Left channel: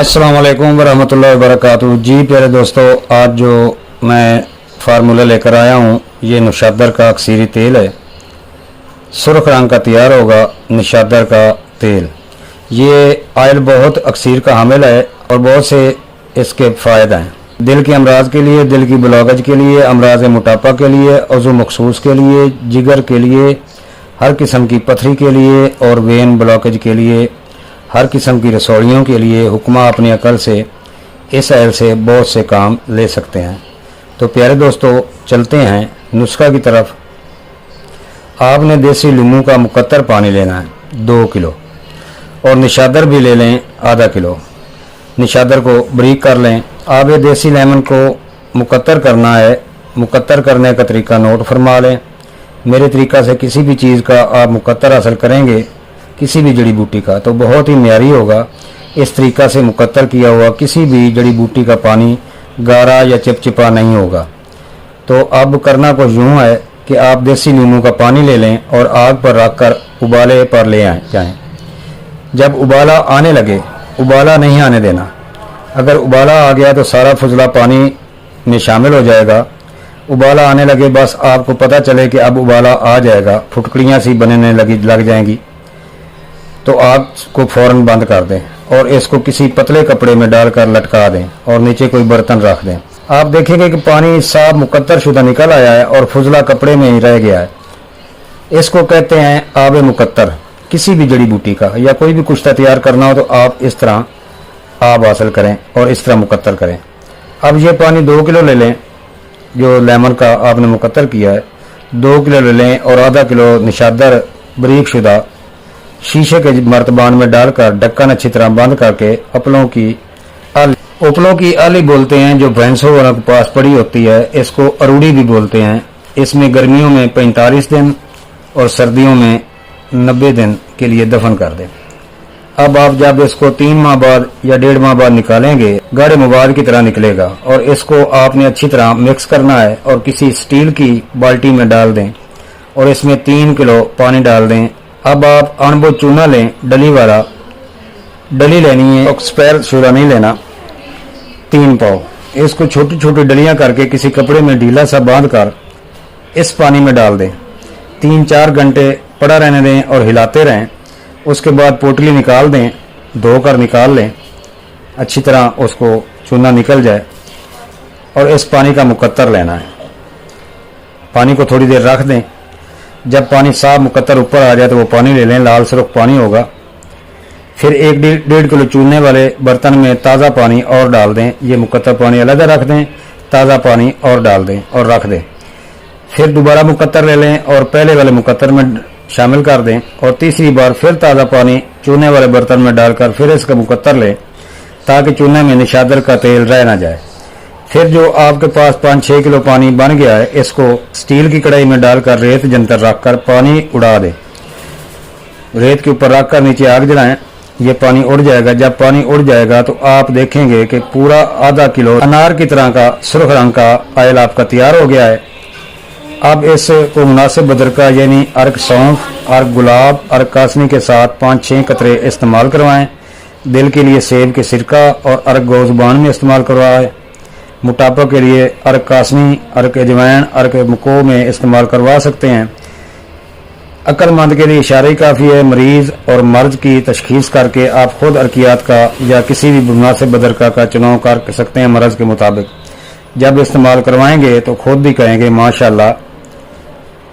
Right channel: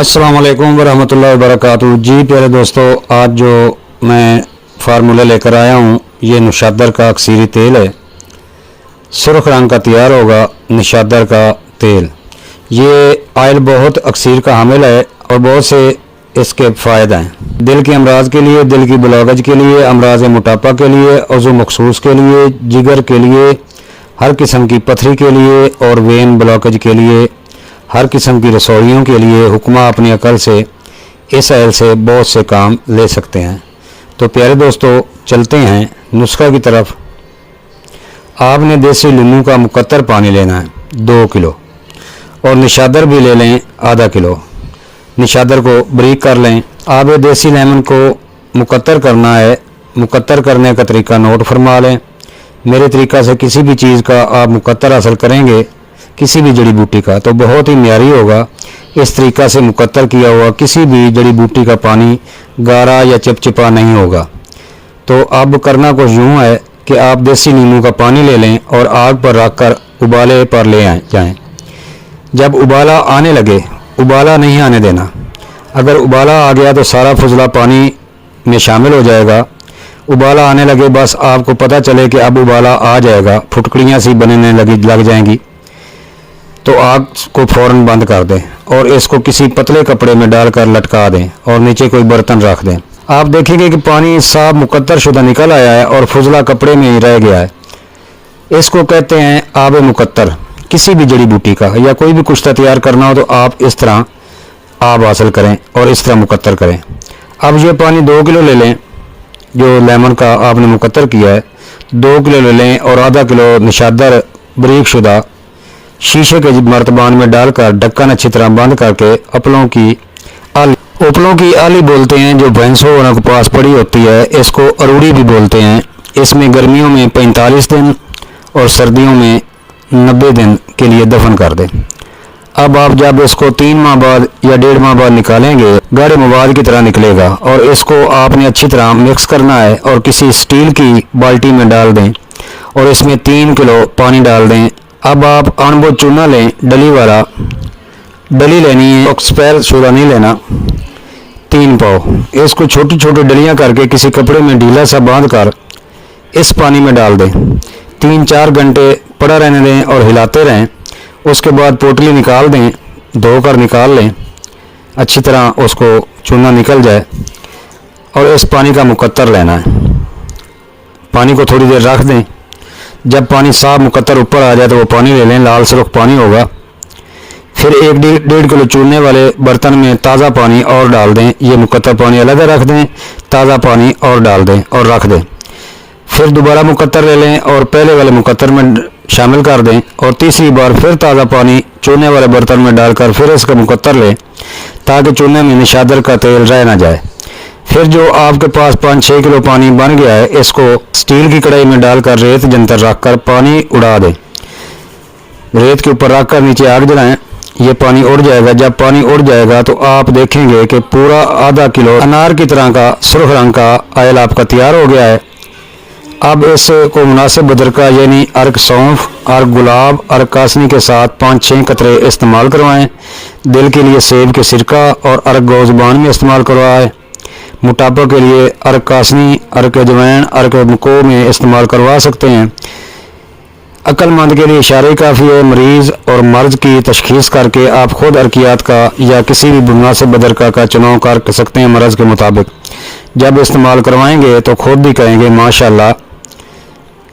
अस्सलाम वालेकुम वरहमतुल्लाहि वबरकातुहू। जी प्यारे दोस्तों, आज जो मैं फार्मूला लेकर आया हूँ ये निशादर का अक्सीरी तेल है। सुर्ख रंग का तैयार होगा निशादर का तेल। ये आयल बहुत अक्सीर का हामिल है और बहुत से इसके फ़ायदे हैं। दिल के अमराज के लिए, दिल की बुलागज के लिए, अमराज मोटापा के लिए, उज़्व मखसूस के लिए, जिगर के लिए, हर किस्म की पथरी के लिए और वेन ब्लॉकेज के लिए, हर किस्म की रसोइयों के लिए हुक्मा अपनी अकल से इस आयल से बहुत से काम ले सकते हैं। तो प्यारे दोस्तों, चलते हैं नुस्खा की तरफ। आपने देसी लीमू का मुकत्तर पानी लेना है 2 किलो और निशादर भी ले लें आधा किलो। निशादर को बारीक कर लें। आप ये देसी लेमन को मुकत्तर करना है। मुकत्तर करने का तरीका नोट फरमा लें। मेरे तरीका से किसी भी चीज़ का आप मुकत्तर हासिल करेंगे, किसी भी जड़ी बूटी का, तो बहुत ही म्यारी होगा। इस तरीका से मुकत्तर किया हुआ किसी भी जड़ी बूटी का पानी गारा या चिपचिपा नहीं होगा। तो अब करना कुछ यूँ है कि आप देसी नींबू का पानी ले लें और आग पर रख कर उबाले पर ले जाएं। जब उबाला आने लगे, उबाला नहीं आने देना। अगर उबाला आ गया तो सारा फुजला पानी में शामिल हो जाएगा। उबाला आने लगे, बस आपको पता चले कि अब उबाला आ जाएगा, फुटकड़ियाँ सी बनने लग जाएंगी, तो आग को फ़ौरन बंद कर दें और इसको किसी पतले कपड़े में डालकर लटका दें और नीचे कोई बर्तन रख दें। आप देखेंगे कि पानी साफ मुकत्तर शुदा निकल आया है और फुजला कपड़े में ही रह गया है। इसको कहते हैं आब मुकत्तर। किसी भी जड़ी बूटी का या कोई भी कुश्ता तैयार करना हो तो आप इस तरह आब हासिल करें और इस तरह मुकत्तर करें। अब ये पानी 2 किलो ले लें, जो लेमन का आपने मुकत्तर किया है 2 किलो ले लें और आधा किलो निशादर बारीक शुदा शीशे के मर्तबान में डालकर ढक्कन अच्छी तरह बंद करके उपलों की आली बोलते हैं, जो भैंसों वालों के पास पड़ी होती है, इसको अरूड़ी भी बोलते हैं। इसमें गर्मियों में 45 दिन और सर्दियों में 90 दिन के लिए दफन कर दें। अब आप जब इसको 3 माह बाद या 1.5 माह बाद निकालेंगे, गाढ़े मवाद की तरह निकलेगा और इसको आपने अच्छी तरह मिक्स करना है और किसी स्टील की बाल्टी में डाल दें और इसमें 3 किलो पानी डाल दें। अब आप अनबो चूना लें, डली वाला, डली लेनी है, एक्सपायर शुदा नहीं लेना, 3 पाव। इसको छोटी छोटी डलियां करके किसी कपड़े में ढीला सा बांध कर इस पानी में डाल दें। 3-4 घंटे पड़ा रहने दें और हिलाते रहें। उसके बाद पोटली निकाल दें, धोकर निकाल लें, अच्छी तरह उसको चूना निकल जाए और इस पानी का मुकत्तर लेना है। पानी को थोड़ी देर रख दें। जब पानी साफ मुकत्तर ऊपर आ जाए तो वो पानी ले लें, लाल सुर्ख पानी होगा। फिर 1-1.5 किलो चूरने वाले बर्तन में ताज़ा पानी और डाल दें। ये मुकत्तर पानी अलग रख दें, ताज़ा पानी और डाल दें और रख दें। फिर दोबारा मुकत्तर ले लें और पहले वाले मुकत्तर में शामिल कर दें और तीसरी बार फिर ताज़ा पानी चूरने वाले बर्तन में डालकर फिर इसका मुकत्तर लें, ताकि चूरने में निशादर का तेल रह ना जाए। फिर जो आपके पास 5-6 किलो पानी बन गया है, इसको स्टील की कढ़ाई में डालकर रेत जंतर रखकर पानी उड़ा दें। रेत के ऊपर रखकर नीचे आग जलाएं, ये पानी उड़ जाएगा। जब पानी उड़ जाएगा तो आप देखेंगे कि पूरा आधा किलो अनार की तरह का सुर्ख रंग का आयल आपका तैयार हो गया है। अब इसको मुनासिब बदरका यानी अर्क सौंफ, अर्क गुलाब, अर्क कासनी के साथ 5-6 कतरे इस्तेमाल करवाएं। दिल के लिए सेब के सिरका और अर्क गोज़बान में इस्तेमाल करवाएं। मोटापा के लिए अर्क कासनी, अर्क अजवैन, अर्क मको में इस्तेमाल करवा सकते हैं। अक्लमंद के लिए इशारे काफ़ी है। मरीज़ और मर्ज की तशखीस करके आप खुद अर्कियात का या किसी भी मुनासिब बदरका का चुनाव कर सकते हैं मर्ज़ के मुताबिक। जब इस्तेमाल करवाएंगे तो खुद भी कहेंगे माशाल्लाह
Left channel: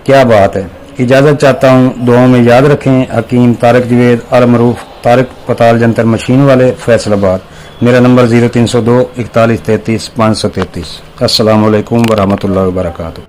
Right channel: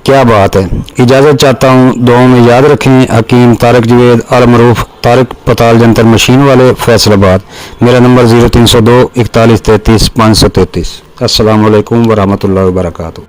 क्या बात है। इजाज़त चाहता हूँ, दुआओं में याद रखें। हकीम तारिक जवेद अल मरूफ, तारिक पताल जंतर मशीन वाले, फैसलाबाद। मेरा नंबर 0302 41 33 533। अस्सलाम वालेकुम वरहमतुल्लाहि वबरकातुहू।